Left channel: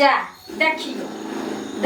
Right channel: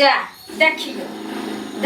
जा देखियो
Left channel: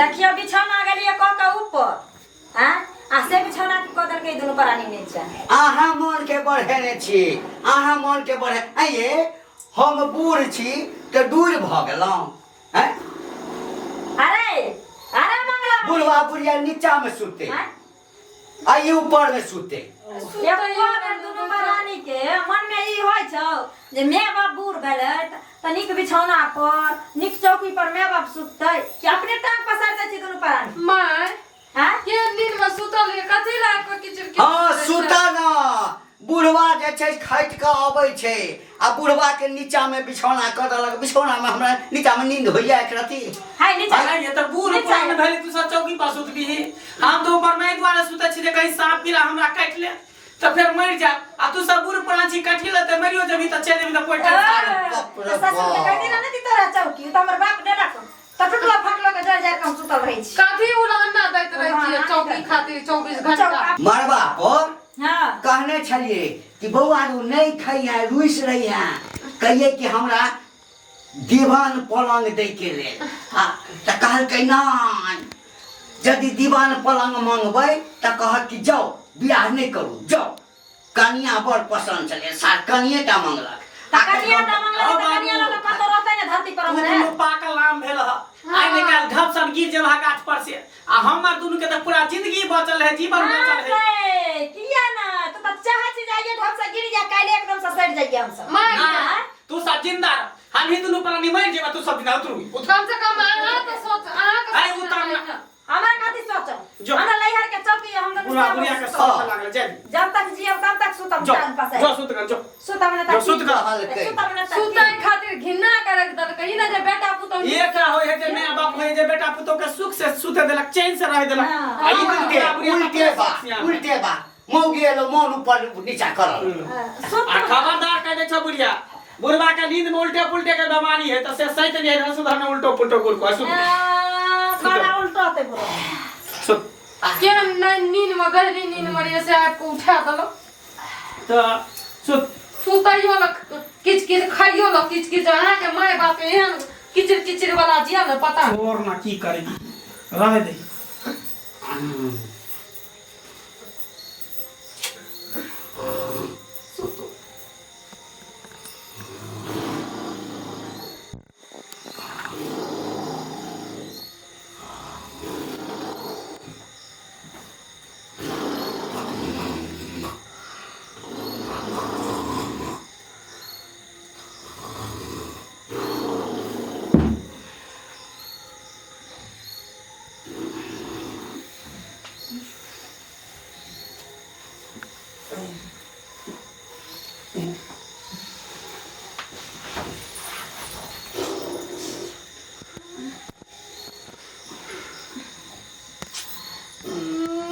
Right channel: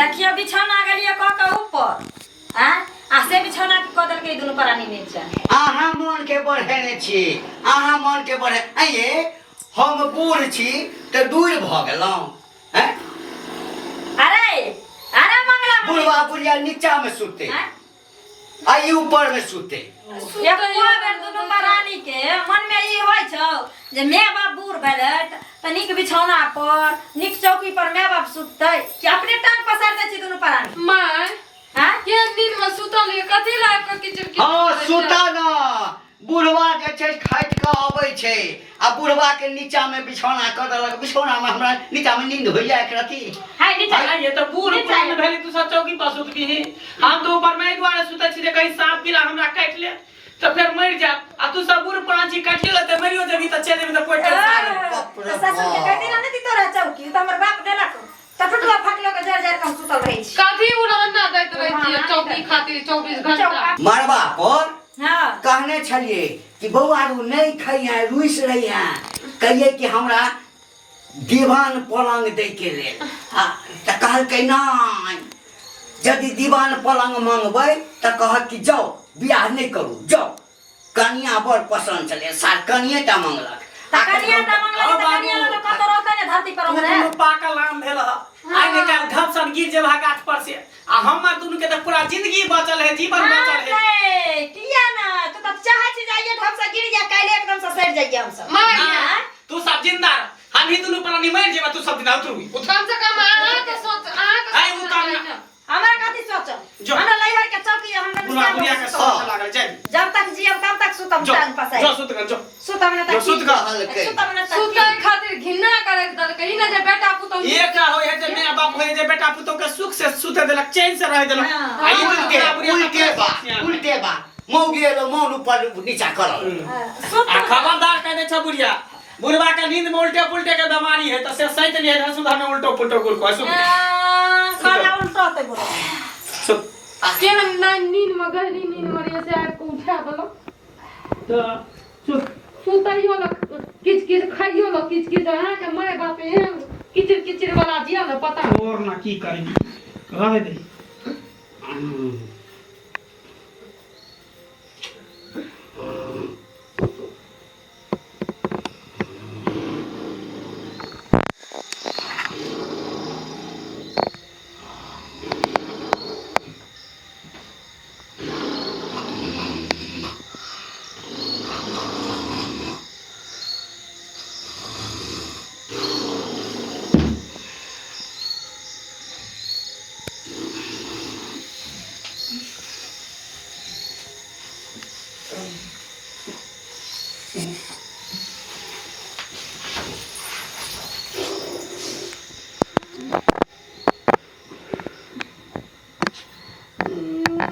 देखियो बिछौना गेलिए क के ऊपर हां आसे बिछौना के कदल के दुनु प्राणी नीचा आहा मन के बढ़ेने छी आहा मन के बढ़े आइए हम बूढ़ छी त दूर भ गेलौं हैं अरे अरे मंगला बुढ़वा बुढ़िया नीचा में सुते आई ऊपर में सुते एक बेर दुनु प्राणी के मन में ई होय छौ जे माय बाप बूढ़ भेलै त निक बिछौना पर निक चौकी पर माय बाप सुततै कि अपने टांग पसार दै छी दुनु प्राणी माय हां के दिन में सुतल है कथि ला के किचर हां सुता ना बुढ़वा जे छै खाइत के आबै छै आ बुढ़वा के नीचा में बिछौना क देलक बिछौना में हमरा नीचा में नींद होइया एक राती हाय नीचा ये तो बूढ़ पुरान भेले तू सब चौकी पर सुत भी हम तो ऊपर में द्वारा सुते छी कहीं सांप कीड़ा हमरा काट ले तो फिर मर जा आ तू सब बूढ़ पुरान छी काट ले त मरियो जबी त चले में त पोट ससुर के कहती ना ती तोरा चौकी त हमर बाप देलक त टुटला फटलो के जर जर के सुतल रहै छी कथि उड़ाना दैत रहै छी चौकी खातिर 24 घंटा मरबा पर हां कहने छलिए कि बौआ रू नहीं खइया रुइस रहिया कहिए कि हमरा दीवान पलंग दे के ले त कहल के नहीं यदि दीवान पलंग मांगबै त कहत कि जाओ बियाह नहीं करू जाओ कनिया बड़ पसंद चले सार कनिए टा मांगलक कनिया टा मांगलक त कनिया लग कत रहतै ने धरती पर हमरे तू पाकल आम भेल ह आइ निकाल घपसन गिर जेबा गाछ पर से आ हमर दुनु के त पूरा जिंदगी बचल है जीवन बचल है किया ना तू त चाहे छी जाइए ढप से गिर जा काले एकदम से सड़ जाइए हम सब माय तू सब जिंदा हम ही दुनु प्राणी मर जेबा तू सब दिन उतरू कम से कम आहा के सोच आई उतार हमरा कथि सोचो हमरा लइहर के चौकी हमरा बुढ़ा बुढ़िया के सोच लागल जाय जब तक जियब तब तक सुतम टांग पसाई जो सुत कर जो सुतम ना तक सुत कर हल्के सुतम ना तक सुतै खातिर घिन्ना करे दल कहीं ना जे बेटा पुतो ये का होय है जे माय बाप होय जे बेटा पुतो के सुख से सुते देलक चैन से रह देलक आई उल्टे बा मौगी एलो मन ऊपर नीचा करल आ खबरदार कह दे छ बुढ़िया बुढ़वा के नींद में उल्टे पुल्टे के बीमारी है त से सहित नहीं है सुधा में उल्टो पुल्टो गुल को सुन खाना उल्टा होते बोलो सुत के नींद में गहरी नींद में से आपको उठा दलो तो सुत सुतैयो ल किच किच खाइयो ल किच किच अहाँ के माय बाप एहन किचिर किचिर वाला जिया न पता और ना की करेगी रहे दे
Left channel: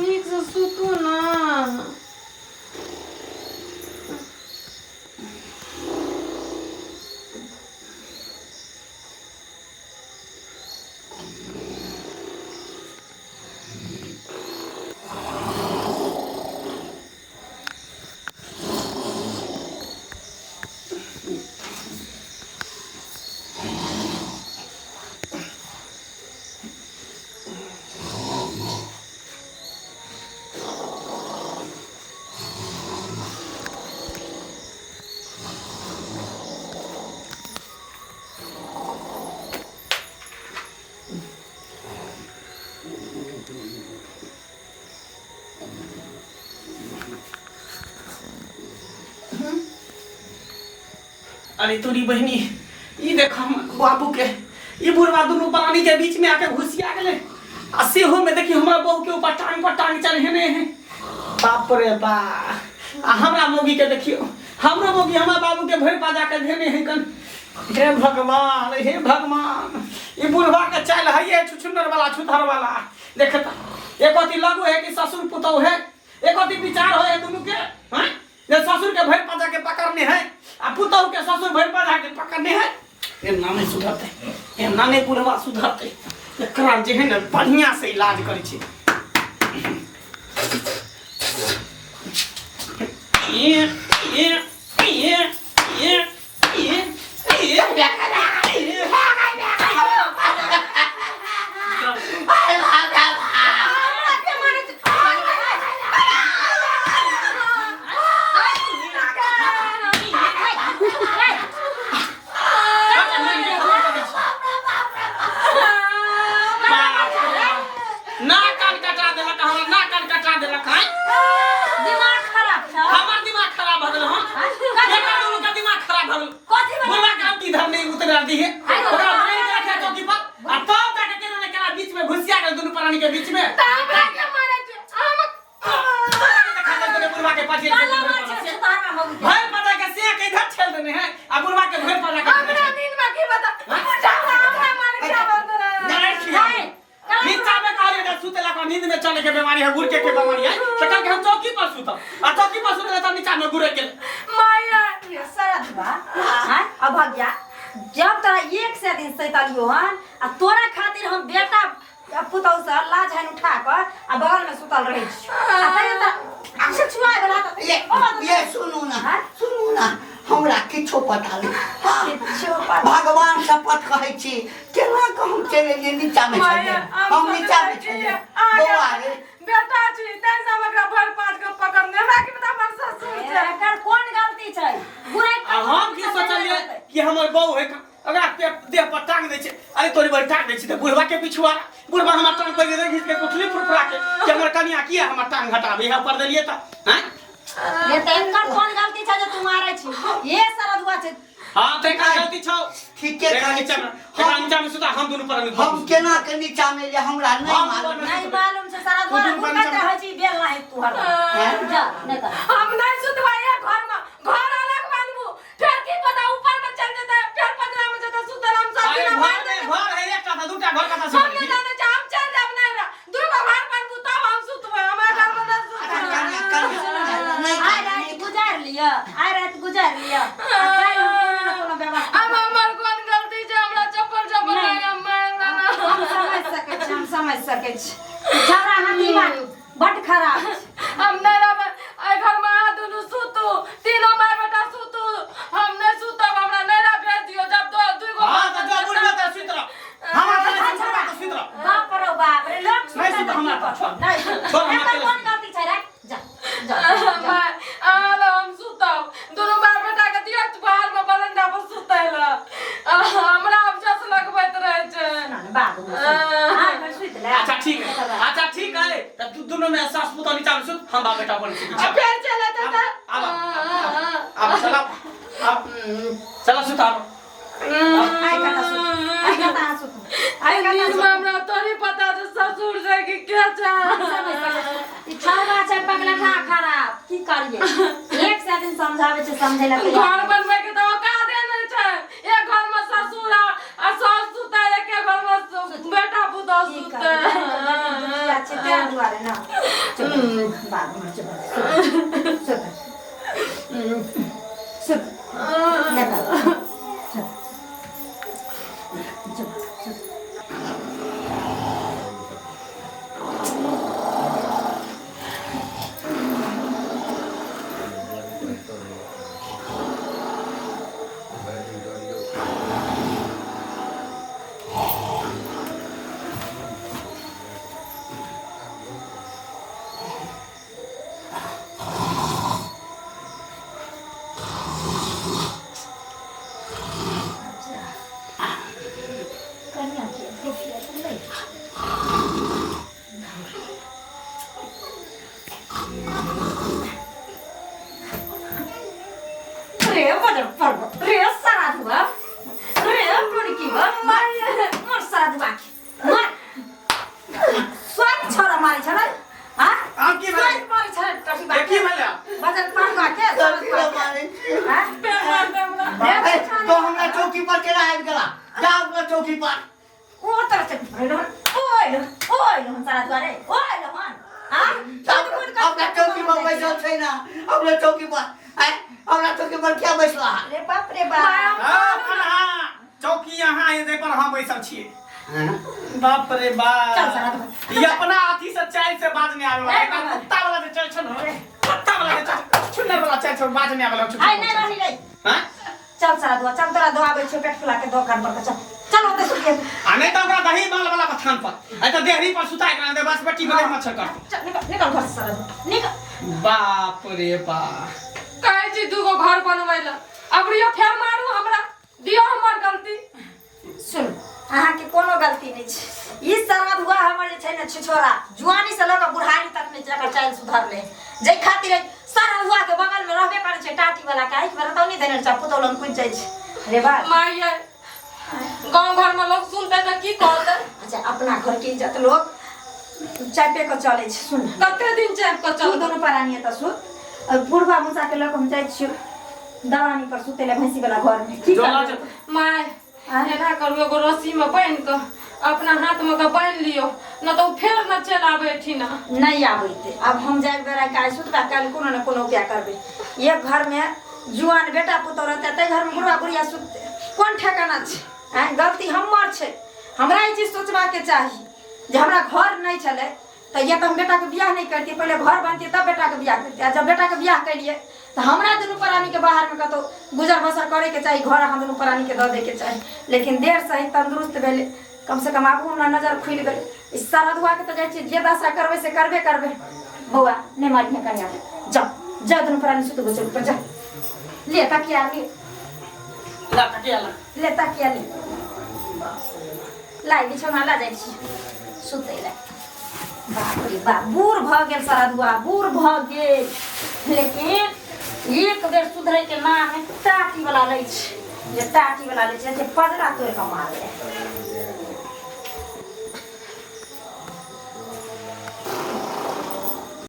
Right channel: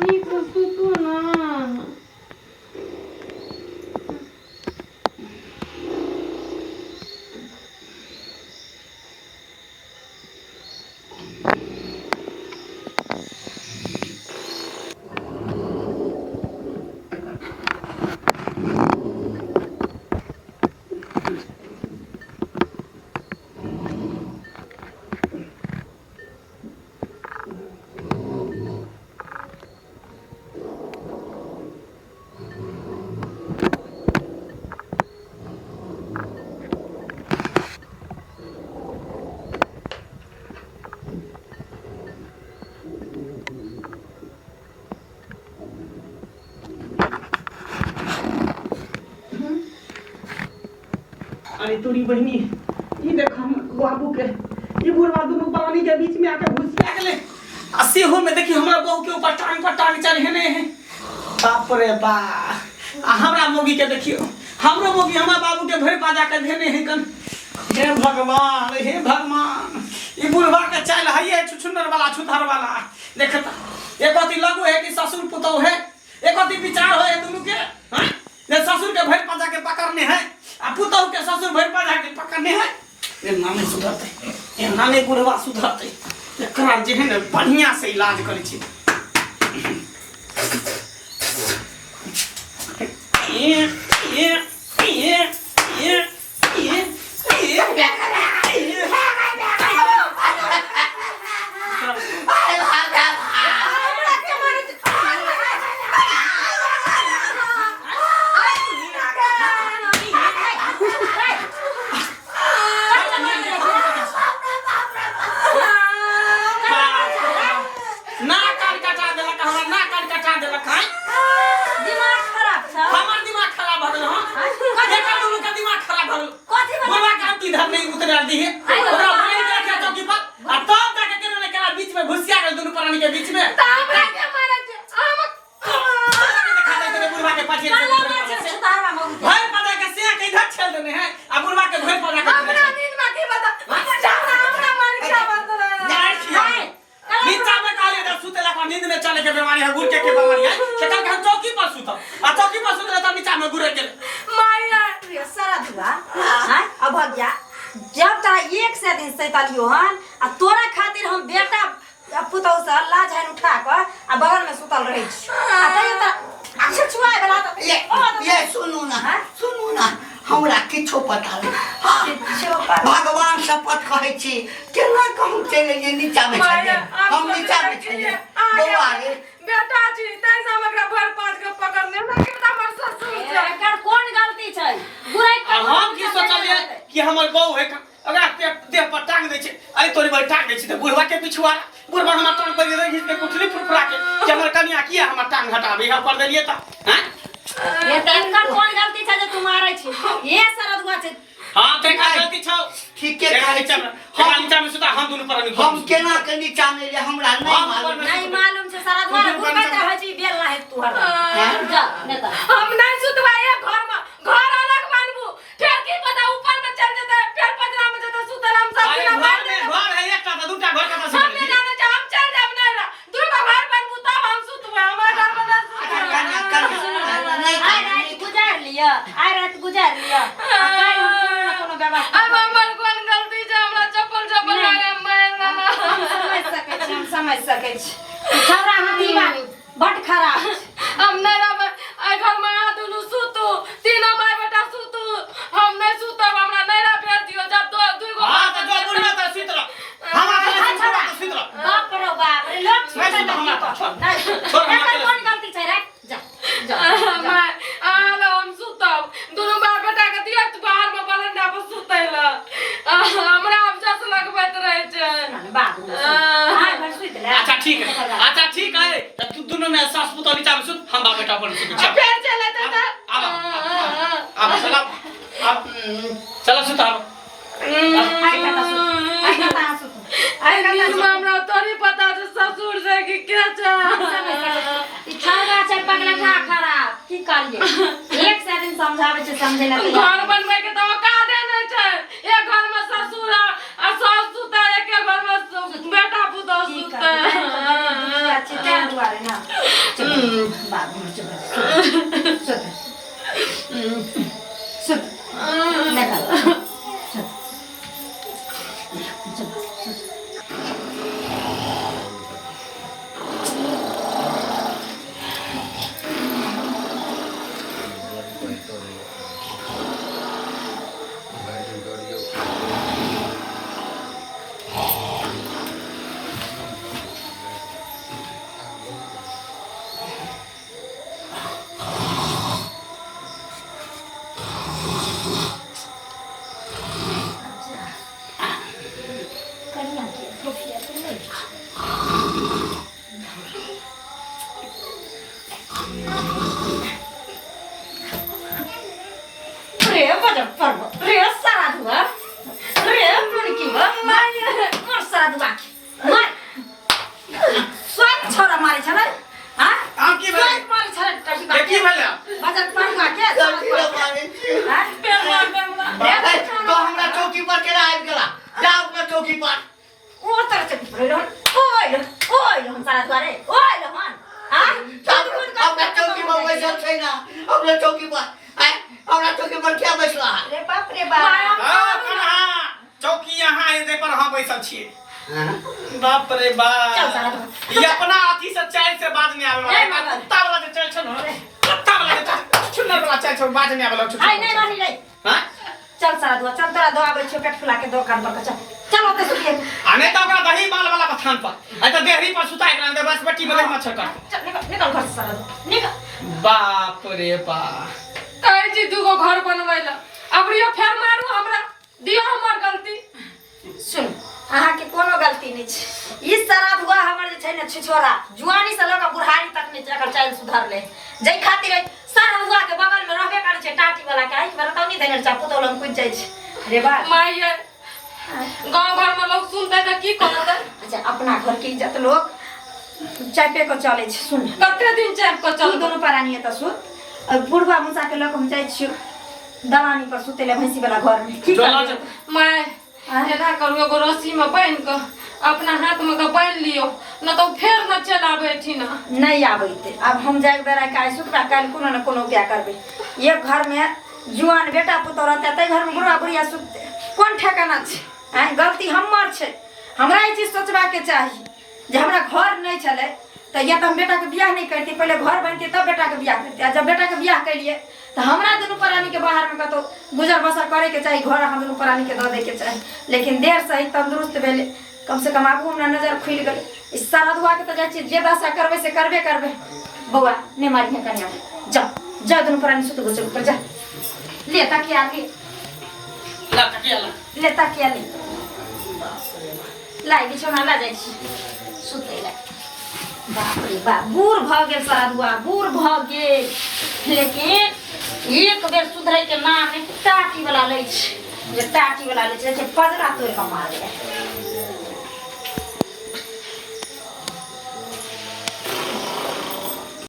नीक से सुतो ना अरे तोरी बहनी ई देख हम बाबू के ई बुढ़वा दुनु प्राणी के बीच में आके घुसिया गेले आ सेहो में देखी हमरा बहू के ऊपर पर टांग चढ़ेने है बाप रे बा आ हमरा मोगी के देखियो हमरो मोगी हमरा बाबू के भर पाजा के धेने है कन हे भगवान ई बुढ़वा के चाल है छुछुनर वाला छुथर वाला देखता एकती लगो है कि ससुर पुतौ है एकती विचार हो है दुनु के हैं जे ससुर के भर पाजा के पकड़ने है आ पुतौ के ससुर भर पाजा के पकड़ने है ये नामे सुधरते ये नामे बुढ़वा सुधरते एकरा जे है न बढ़िया से इलाज करै छी ये बुढ़वा के पाछे काला मार छे सुतारवा मगु भाई पता के से के इधर छेल देने हैं आ बुढ़वा के भाई पता के हमरा नींद में की बता जाओ हमरा मार के आवत नहीं छिया नीचा में काले दा सुते लगा नींद में चले के बीमारी है गुड़ के बीमारी है सका के हम चौकी पर सुता आ चौकी पर सुते तो नीचा में गुड़ के माया रे सारा दुआ हां अब भाग जा जब तोरा एक से दिन सैतालियो हन आ तोरा खातिर हम बेटा पुतौ से लाज है उठा के आ बगल में सुतल रही आ तनी त अच्छा छुआए वाला त ये सुनू ना हमरा किछो पता नहीं भगवान शपथ कहै छी केना कहूं चले ये नीचा में छले हम नीचा में छले बौआ रे बेटा जी तै से हमरा भर पांच के पकड़ने हमरा के बता हमर ससुर छै एकर कोन गलती छै बुराई हम की सोचलिए कि हमर बहू है अगर देह पर टांग दे छै अरे तोरी भाई टांग दे छै बुढ़वा के पिछुआ बुढ़वा हमर टांग पर रही के कुठली फुरफुरा के कि हमर कनिया किया हमर टांग हटाबे यहां पर देलिए त हैं ये तेनकर कोन गलती छै जे तू मारै छी ये सरदुआ छै हां तेका गलती छौ ठीक है हम नीचा में सुता हम दोनों पर हम केना के नीचा में ले हमरा नहीं मालूम छै सरदुआ घुमत रहै छी बेल ना है तू हर जा नेता हम नहीं सुतवाए घर अलग बनबू फिर की पता ऊपर में चल जता फिर पजरा में जता सुतल हम सब दिन घर है एकटा त दूटा घर कता से हम नहीं जाने छ हम चल जाब नहीं ना दूगो घर बनबू तब हम सुतबे हमरा घर में आई रात गुजार लिया काई हम कोनो व्यवस्था अब हमर कोन गलती छै हमरा चप्पल मार हम समझ सकै छी छौरा हाथी बट खराब हम नहीं रहब आई घर में आ दुनु सुतू तीनों माय बेटा सुतू हम नहीं सुतब हमरा नहीं रह भेज दियो जब दो गो हां त जो बुढ़वा त सुत रह हम अपने सुत रह बाप रे बाप रे लोग नहीं सुत हमरा छोड़ नहीं कोन गलती छै रे जा हम सुतब दोनों बाप बेटा के दिया तू बाहर में बरंडा पर सुतैला हमरा अब जस लगबैत रहे छै बात हां घर सुत ले अच्छा ठीक है तू दोनों में सास पुतौ नीचा में सुत हम बाप बेटा पर सुत फिर चले त अब चला सुत आई कता सुत हमरा तोरी पता छै ससुर से कि के छै ई छौरा छै पगला खराब की करिए एक से दिन समझावे छै समझेला घर बनबै के तो का देने छै एक घर में ससुर आ सास सुता एक घर में बेटा पुतौ सुता अच्छे तें दुआरे ना बाद में सुत निकल बाप रे बाप ये अपना हाथी से चाय से बात नहीं आवे वाला कुत्ता वाला जे चल छ न कुत्ता वाला जे चुन्नर वाला चाय छ बात नहीं आवे वाला आई नहीं रही रे हां चल सारा दुआ चल तोरा दो आवे छ पेट फुला के दुकान पर चल चल ओते सुतिए आने त ओकरा दही माल वाला बथान पर आई त देहरी पर सुताई के दे बस बट्टी में मच्छर काट निकल घर से सारा निकल बाप रे बा कहे जी दुगो घर बनवैला अब रियो फेर मारू हमरा दियो हमर गलती सुन अहाँ के कोनो गलती नहीं छै ई सारा हुआ हमर जे छै ने छिछोरा जुआनी से लगा बुढ़ारी तक ने जकर चाल सुधार ले जे खातिर सारा हुआ के बगल में रहबे करे छै टाटी वाला काहे कि बरतौ नहीं देने छ पुतौलम कुछ जाय छै रे बा माय गांव घर में लोग सुनते त की कहते अच्छा अपना घर के इज्जत लोग चापे को चले छै सुन कते दिन चाप को चल दोनों परानी त सुन अब बुढ़वा मुसा के लोग हम जाए छियो दलानी पर सुते ले भैंसी वाला घर में की चला करबे? माय एना करू एगो रस्सी में बांध के अपना हाथ में के बांध लियो न तो फेर न चला बैठी ना नहीं आबैते अब हम जाए बेरा काहे सुतबा काल कोनो न कोनो क्या करबे एक घर में जुआन बेटा पुतौ रहते तै घर में बुढ़वा बुढ़िया सुतते कोन ठेकाना छै हैं गलती हमर छै हमरा ई चीज सोचबा के चाही जे हमरा घर नहीं चले तो या तो हम बेटा के बियाह नहीं करती पहले घर बनती तब बेटा के बियाह करती जब बेटा के बियाह करिए तो हमरा दुनू प्राणी के बाहर में कतो गुजर बसर करे के चाहिए घर हम दुनू प्राणी के दे दे के चाहिए लेकिन देर से ही तंदुरुस्त भेले कम से कम आगू हमरा नजर खुल गई इस सारा दुआ के तो जाय छी जे दशा करबे से करबे करबे बउआ ने मारिया कन्या जा जा दुनू प्राणी सुत गो पर जा ले तकिया ले ला तकिया ला ले तकिया ले लाई बिछौना ला जाइ छी सुतै ला बाप रे बाप बूढ़ भ गेल सारा दुआ बूढ़ भ गेल लेकिन एक बेर सुधरै के नाम टाटी वाला लै छै जे टाटी वाला लै छै पजरा तोड़ के मारे